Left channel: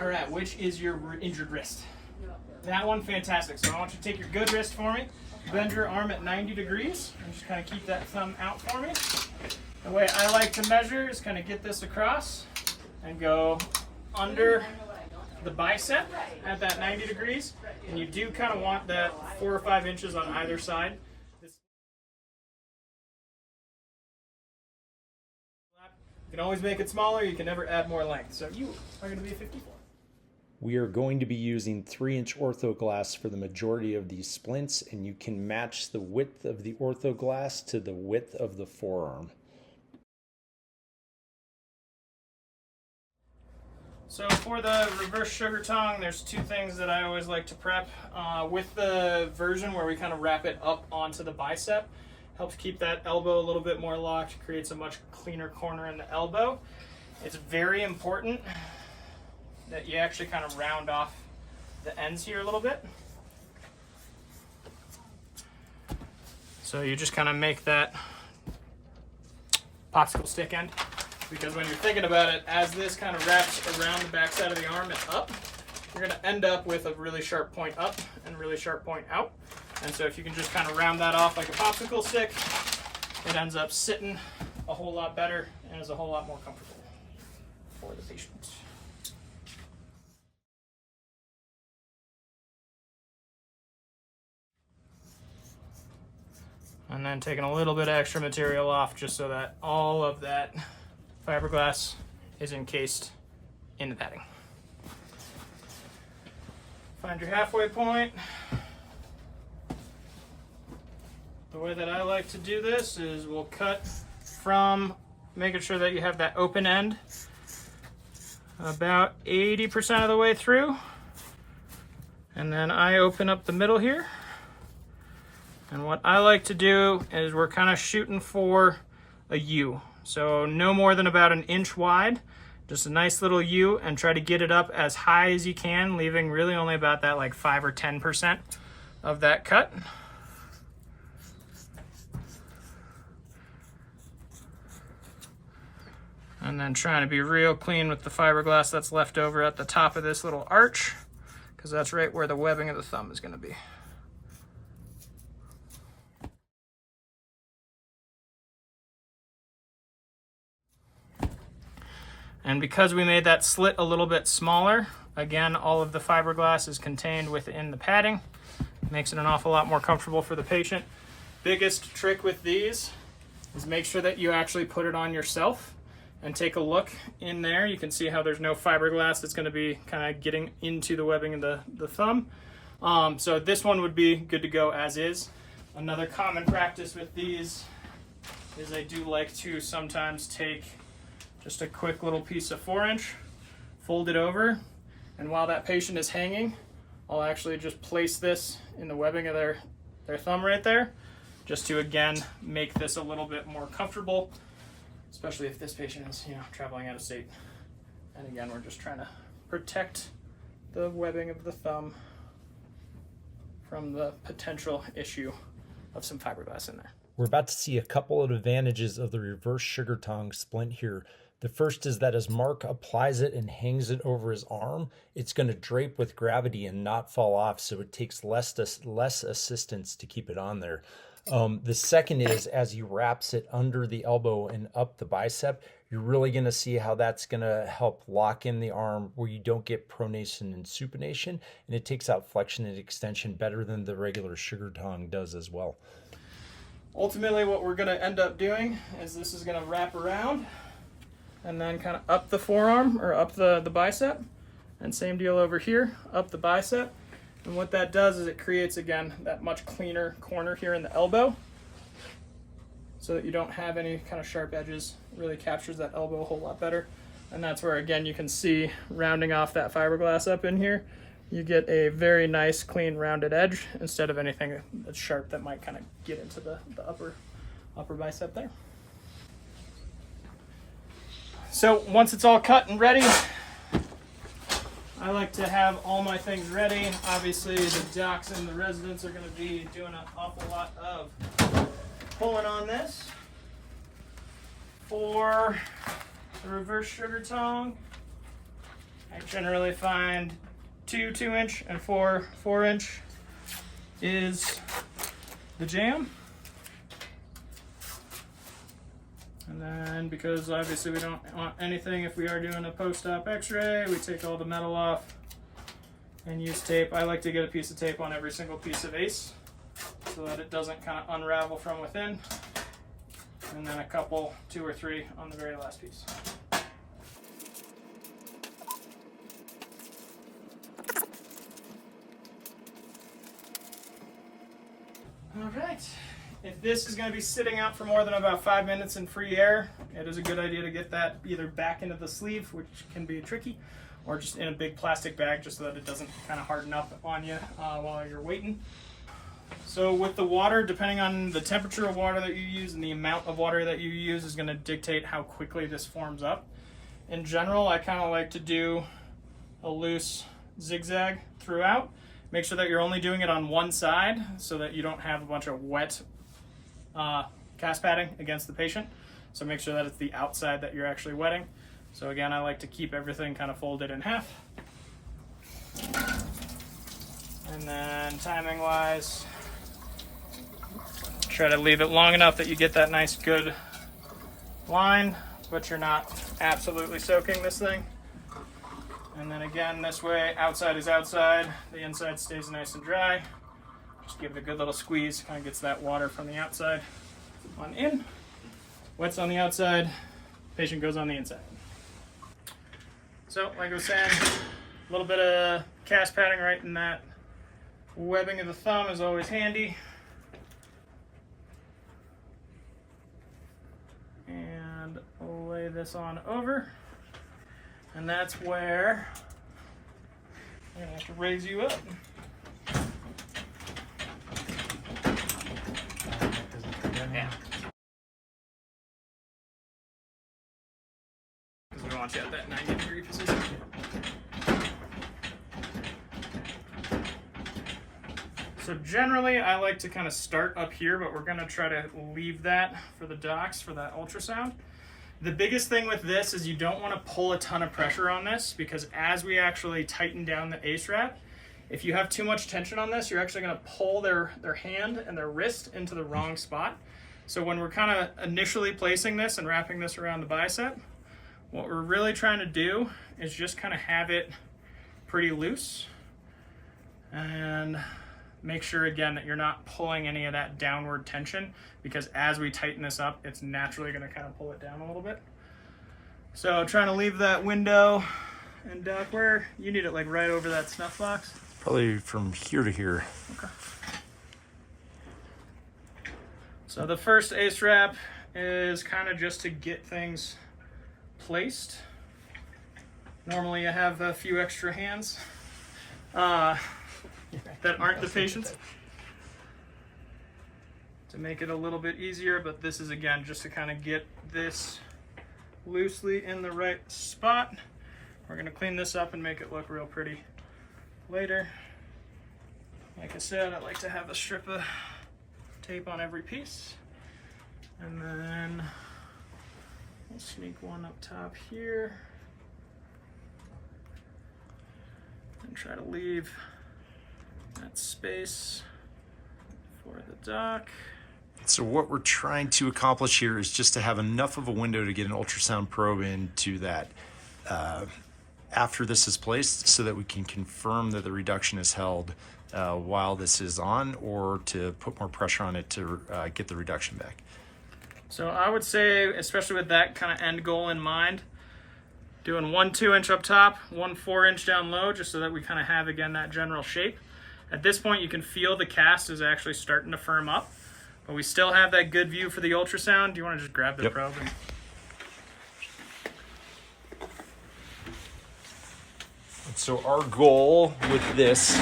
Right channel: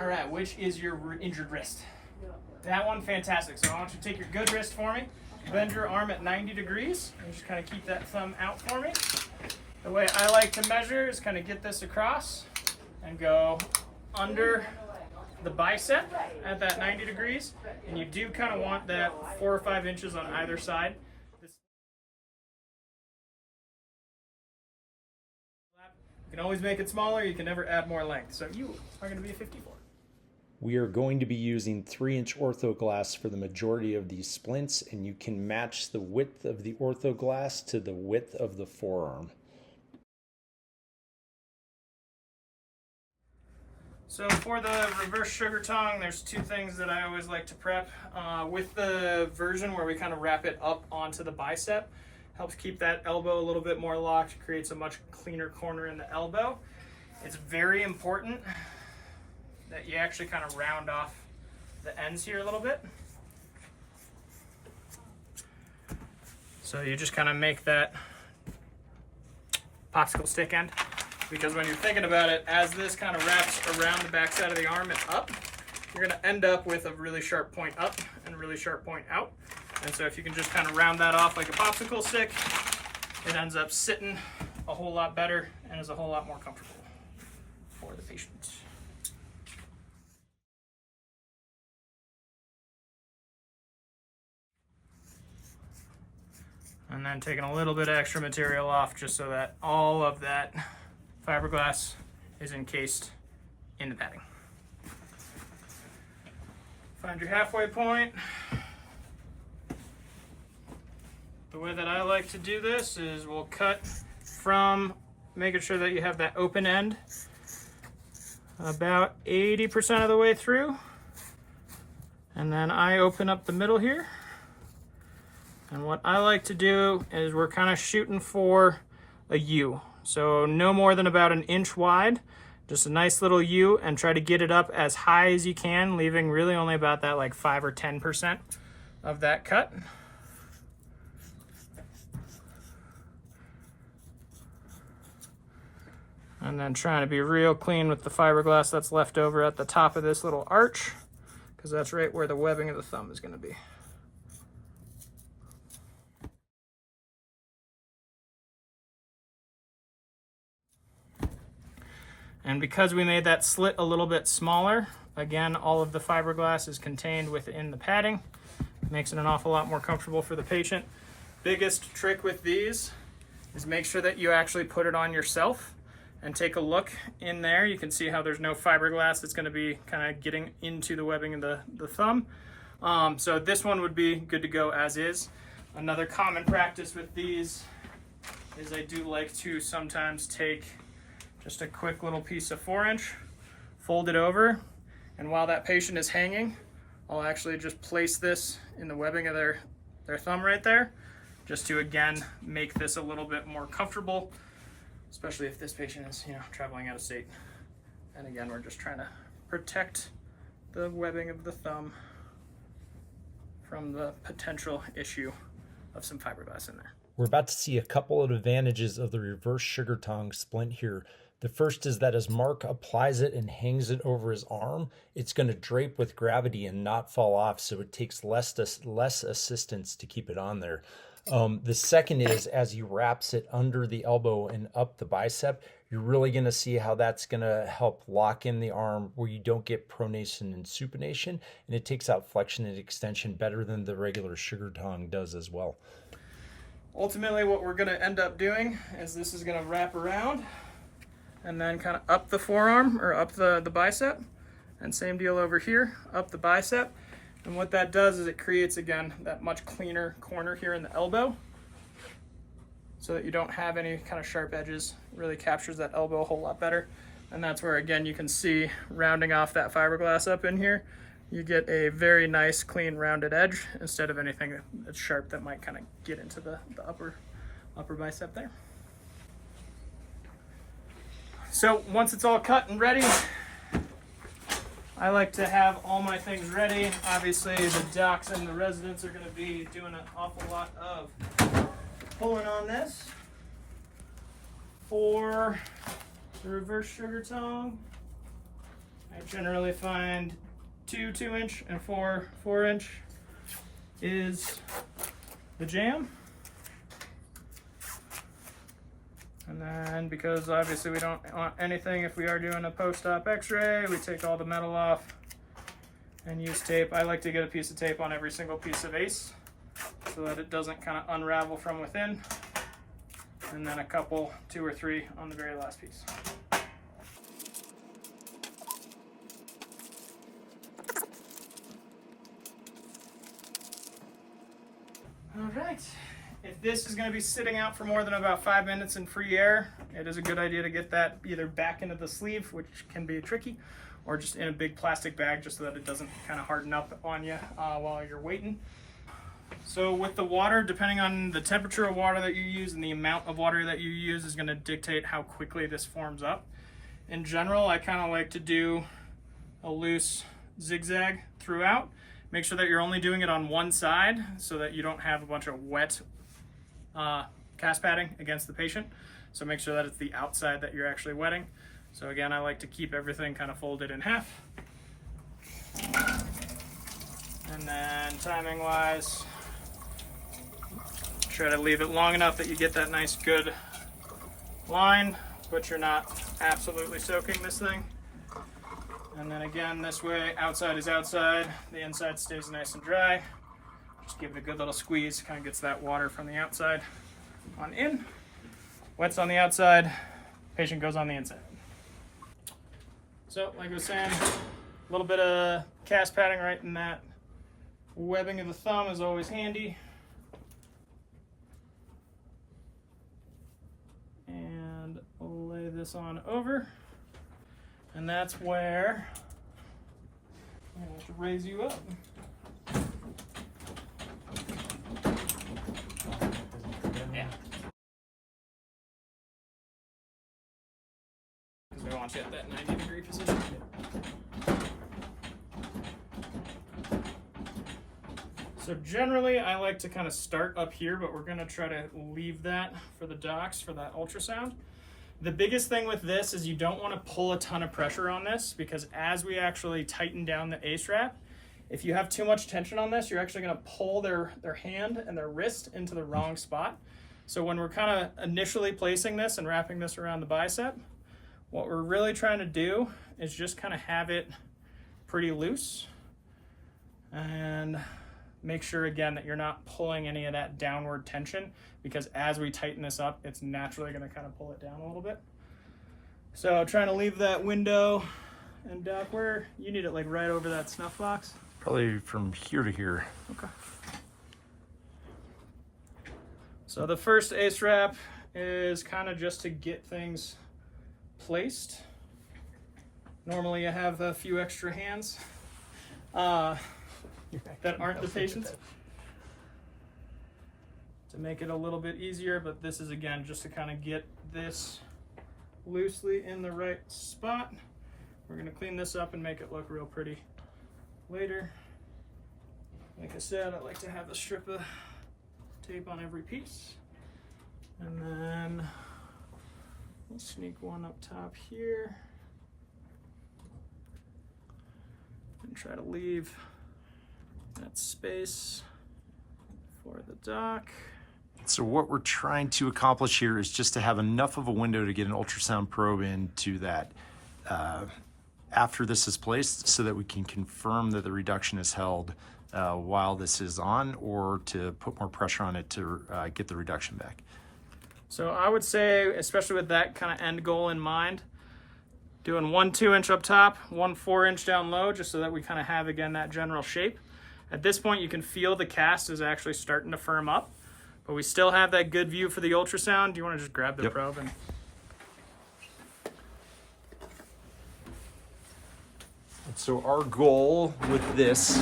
All right, which is your injured wrist? That one, fantastic. So I want you to take your good wrist for me, bend your arm at 90 degrees, and just kind of keep that thumb out for me. The way I like to measure is kind of get this across and go under the bicep at that 90 degrees. And you do kind of want that 4 or 5 inches on either side. You can always make it smaller, you can never add more length. So you are going to be a 54. We are going to be using 3-inch ortho glass for the majority of these splints, and you can match the width of the ortho glass to the width of the forearm. So for the reverse Sugartong, there's 2 things that I always like to prep. With the version where we kind of wrap it up onto the bicep, helps keep that elbow a little bit more locked, creates a much cleaner corner in the elbow. It's very important that you actually kind of round off the ends here a little bit. So you just kind of make that popsicle stick end, because when you're thinking about it, as this kind of wraps around the backside of the arm and up, you're going to end up with a really sharp point up and a really sharp point out. And so if you can just kind of round that off like a popsicle stick, it ends up sitting a whole lot better and is a whole lot more comfortable for the patient. And then taking a little bit of extra material off just so that all of that fiberglass is encased in the padding. Find your halfway point. The way that I like to do this is we'll cut from making sure that you have that open end about 80% of the way through. And then I open up the middle here. And what I like to do is we're kind of shooting for a U. So no more than about 1 inch wide, just a nice little U, and try to get it up as high as you can, leaving really only about that like 5 or 10% of that cut. And then trying to be real clean with the fiberglass that's left over at the top of this little arch, because that's right where the webbing of the thumb is going to be. And because we made that slit a little bit smaller, again, all of the fiberglass is contained within the padding. Makes it an awful lot more comfortable for the patient. Biggest trick with these is make sure that you actually put it on yourself and take a look in there. You can see how there's no fiberglass that's going to be kind of getting into the webbing of the thumb. So this one would be good to go as is. Another common practice with these is I do like to sometimes take just a quick little piece of 4-inch, fold it over, and while that patient is hanging, I'll actually just place this in the webbing of their thumb right there, just to again make this a little bit more comfortable, especially if this patient is, traveling out of state. And again, we're just trying to protect the webbing of the thumb from the potential issue of some fiberglass in there. We're about to see a couple of advantages of the reverse Sugartong splint here. The first is that as Mark applies it and hangs it over his arm, it's going to drape with gravity and not fall off, so it takes less assistance to keep it on there. The second is as he wraps it under the elbow and up the bicep, you're really going to see how that's going to help lock in the arm where you don't get pronation and supination, and it takes out flexion and extension better than the regular Sugartong does as well. Ultimately, what we're going to end up doing is this is going to wrap around and then kind of up the forearm or up the bicep, and same deal over here, up the bicep. And what that does is it creates, again, that much cleaner corner here in the elbow so that you don't have any kind of sharp edges. It really captures that elbow a whole lot better. And that's where, again, you can see rounding off that fiberglass up in here, you get a very nice, clean, rounded edge instead of anything that's sharp that might kind of get into the upper bicep there. So once it's all cut and ready, I like to have all my things ready. Obviously, the docs and the residents are going to be doing an awful lot of pulling on this. For the reverse Sugartong, I generally find 2 2-inch and 4 4-inch is the jam. And then, because obviously we don't want anything, if we are doing a post-op x-ray, we take all the metal off and use tape. I like to get a piece of tape on every single piece of ACE so that it doesn't kind of unravel from within. And then a couple, 2 or 3 on the very last piece. All right. If this is going to be sitting out for more than about 5 minutes in free air, it is a good idea to get that either back into the sleeve, which can be tricky, or just in a big plastic bag just so that it doesn't kind of harden up on you while you're waiting. So with the water, depending on the temperature of water that you use and the amount of water that you use is going to dictate how quickly this forms up. In general, I kind of like to do a loose zigzag throughout. Make sure that you're only doing it on one side so that you don't have a bunch of wet cast padding against the patient. So make sure that it's the outside that you're actually wetting. So again, I like to keep everything kind of folded in half. And then timing wise, try to leave it long enough that you get that nice good line, but you're not absolutely soaking this thing. And then again, this way, outside is outside, the inside stays nice and dry. Just give it a good little squeeze, kind of gets that water from the outside on in. Wet's on the outside, patient goes on the inside. So, like I was saying, a little bit of cast padding right in that webbing of the thumb is always handy. And lay this on over. And that's where I'm gonna have to raise you up. Yeah. Because we don't want you at that 90-degree position. So generally, I like to kind of start up here, but we're gonna try to leave that for the docs for that ultrasound. The biggest thing with this is you don't want to pull a ton of pressure on this, because as we actually tighten down the ACE wrap, if you have too much tension on this, you're actually going to pull their hand and their wrist into the wrong spot. So when we're kind of initially placing this and wrapping this around the bicep, what we're really trying to do is just kind of have it pretty loose and make sure again that you're not pulling any of that downward tension, because as we tighten this up, it's naturally going to kind of pull it down a little bit. So trying to leave that window, and Doc, where you need it, like right over that snuff box? Probably from here to here. Okay. So the first ACE wrap is kind of just to get things placed. Normally you have a few extra hands that aren't the patient's to make it a little bit easier, but this is again just to kind of get this loosely in the right spot. We're going to clean this up and make it look real pretty later. Like I said, I like to have a strip of tape on every piece, and then we'll sneak one up top here and try to leave that space for the doc. So what we're trying to accomplish here is just to have enough of a window to get an ultrasound probe into that after this is placed, so that we can confirm that the reduction is held while this is on, or to put more pressure on it to get the reduction back. So I would say, especially with that kind of end goal in mind, doing 1 2-inch up top, 1 4-inch down low, just so that we kind of have, again, that general shape. At this point, you can feel the cast is actually starting to firm up, but we still have that good view for the ultrasound. Do you want to just grab the probe? So our goal with this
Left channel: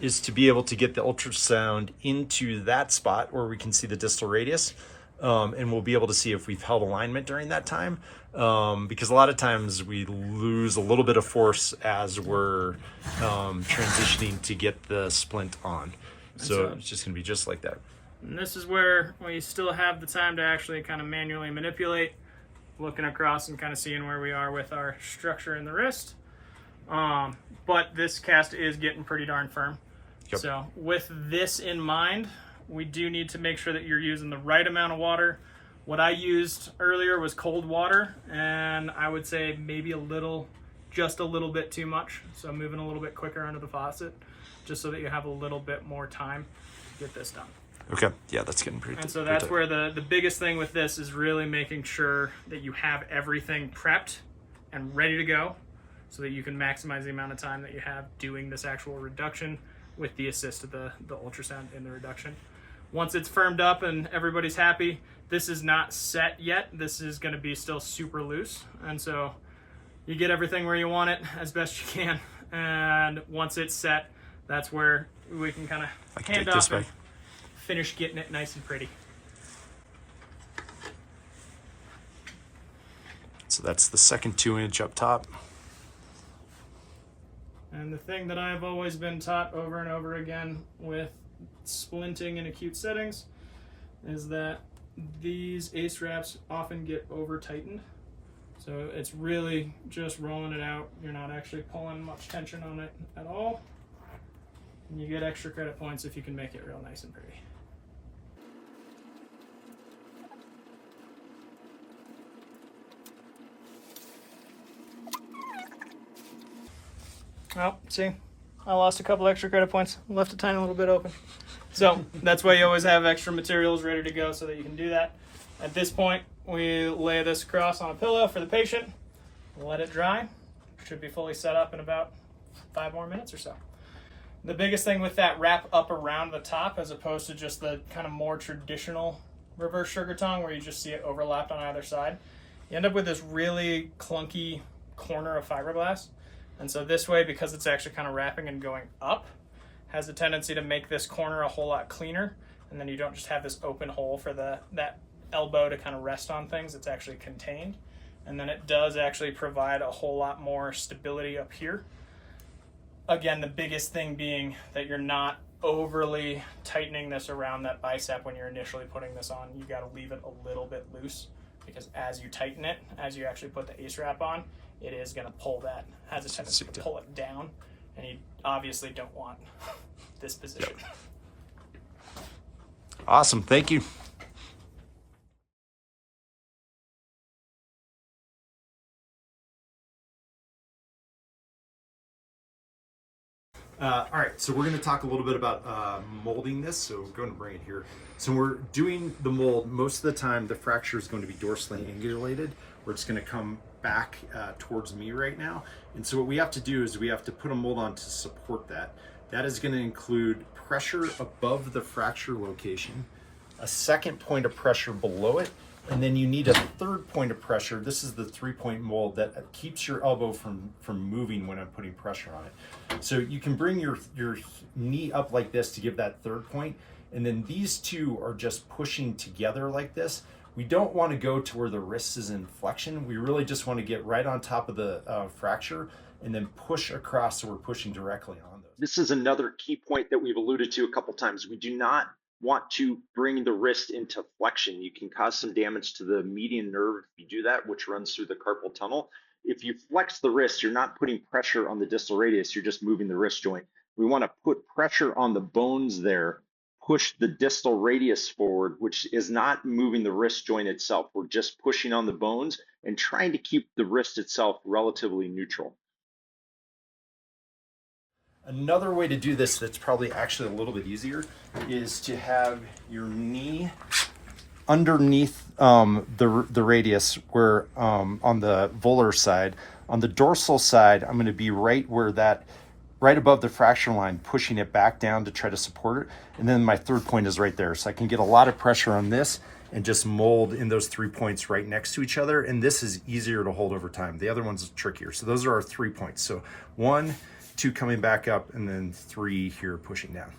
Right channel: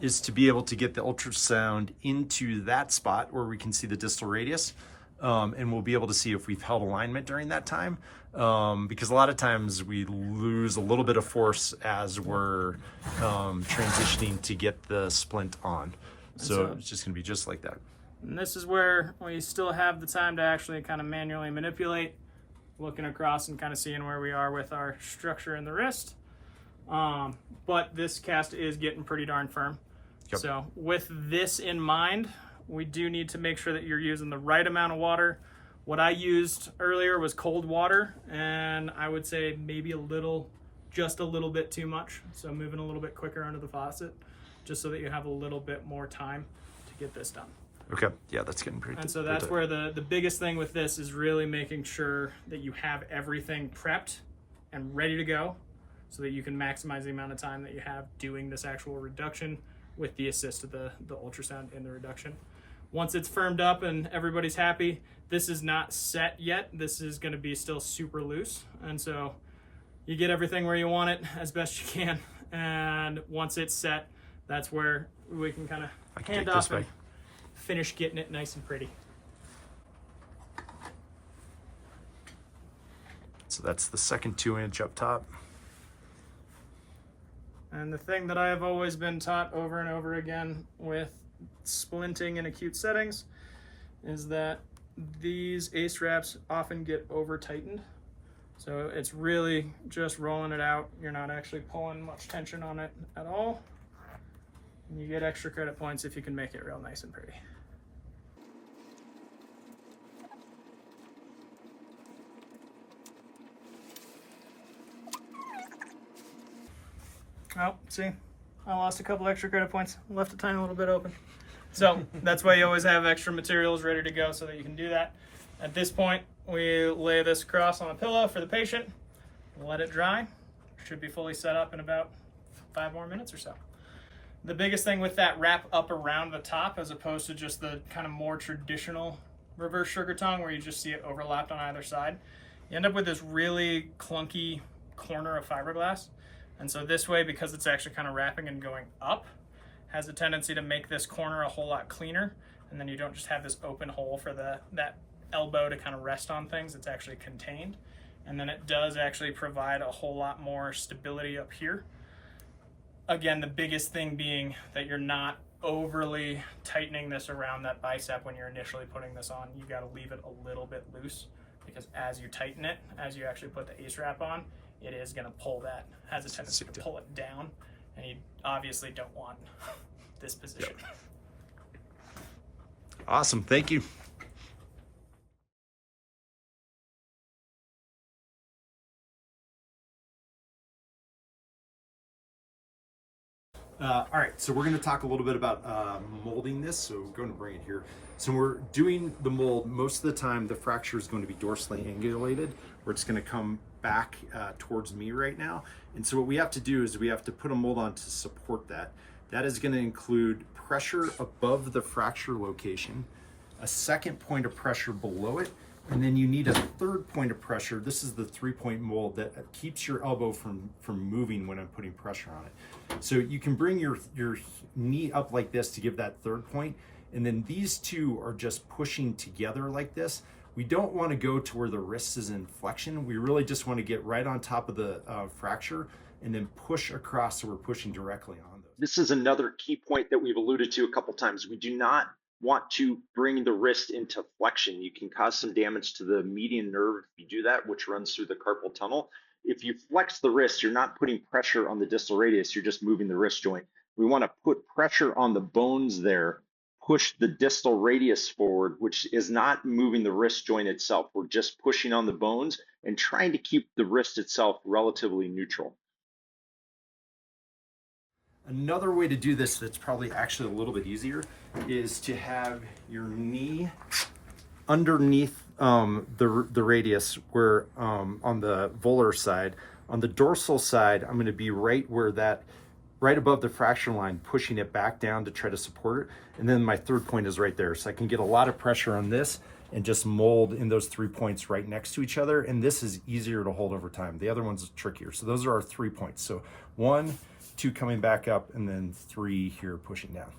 is to be able to get the ultrasound into that spot where we can see the distal radius, and we'll be able to see if we've held alignment during that time, because a lot of times we lose a little bit of force as we're transitioning to get the splint on. So it's just going to be just like that. And this is where we still have the time to actually kind of manually manipulate looking across and kind of seeing where we are with our structure in the wrist. But this cast is getting pretty darn firm. Yep. So with this in mind, we do need to make sure that you're using the right amount of water. What I used earlier was cold water, and I would say maybe just a little bit too much. So moving a little bit quicker under the faucet, just so that you have a little bit more time to get this done. Okay, yeah, that's getting pretty. And so that's where the biggest thing with this is really making sure that you have everything prepped and ready to go, so that you can maximize the amount of time that you have doing this actual reduction with the assist of the ultrasound in the reduction. Once it's firmed up and everybody's happy, this is not set yet. This is going to be still super loose. And so you get everything where you want it as best you can. And once it's set, that's where we can kind of hand off and finish getting it nice and pretty. So that's the second 2-inch up top. And the thing that I have always been taught over and over again with splinting in acute settings is that these ace wraps often get over tightened. So it's really just rolling it out. You're not actually pulling much tension on it at all. And you get extra credit points if you can make it real nice and pretty. Oh, see, I lost a couple extra credit points. Left a tiny little bit open. So that's why you always have extra materials ready to go so that you can do that. At this point, we lay this across on a pillow for the patient, let it dry. Should be fully set up in about 5 more minutes or so. The biggest thing with that wrap up around the top, as opposed to just the kind of more traditional reverse Sugartong where you just see it overlapped on either side, you end up with this really clunky corner of fiberglass. And so this way, because it's actually kind of wrapping and going up, has a tendency to make this corner a whole lot cleaner. And then you don't just have this open hole for that elbow to kind of rest on things. It's actually contained. And then it does actually provide a whole lot more stability up here. Again, the biggest thing being that you're not overly tightening this around that bicep when you're initially putting this on. You got to leave it a little bit loose, because as you tighten it, as you actually put the ace wrap on, it is going to pull that, has a tendency to pull it down, and you obviously don't want this position. Yep. Awesome, thank you. All right, so we're going to talk a little bit about molding this. So go ahead and bring it here. So when we're doing the mold, most of the time the fracture is going to be dorsally angulated, where it's going to come back towards me right now. And so what we have to do is we have to put a mold on to support that. That is going to include pressure above the fracture location, a second point of pressure below it, and then you need a third point of pressure. This is the 3-point mold that keeps your elbow from moving when I'm putting pressure on it. So you can bring your knee up like this to give that third point, and then these two are just pushing together like this. We don't want to go to where the wrist is in flexion. We really just want to get right on top of the fracture and then push across so we're pushing directly on those. This is another key point that we've alluded to a couple times. We do not want to bring the wrist into flexion. You can cause some damage to the median nerve if you do that, which runs through the carpal tunnel. If you flex the wrist, you're not putting pressure on the distal radius, you're just moving the wrist joint. We want to put pressure on the bones there, push the distal radius forward, which is not moving the wrist joint itself. We're just pushing on the bones and trying to keep the wrist itself relatively neutral. Another way to do this that's probably actually a little bit easier is to have your knee underneath the radius, where on the volar side. On the dorsal side, I'm going to be right above the fracture line, pushing it back down to try to support it. And then my third point is right there. So I can get a lot of pressure on this and just mold in those 3 points right next to each other. And this is easier to hold over time. The other one's trickier. So those are our 3 points. So 1, 2 coming back up, and then 3 here pushing down.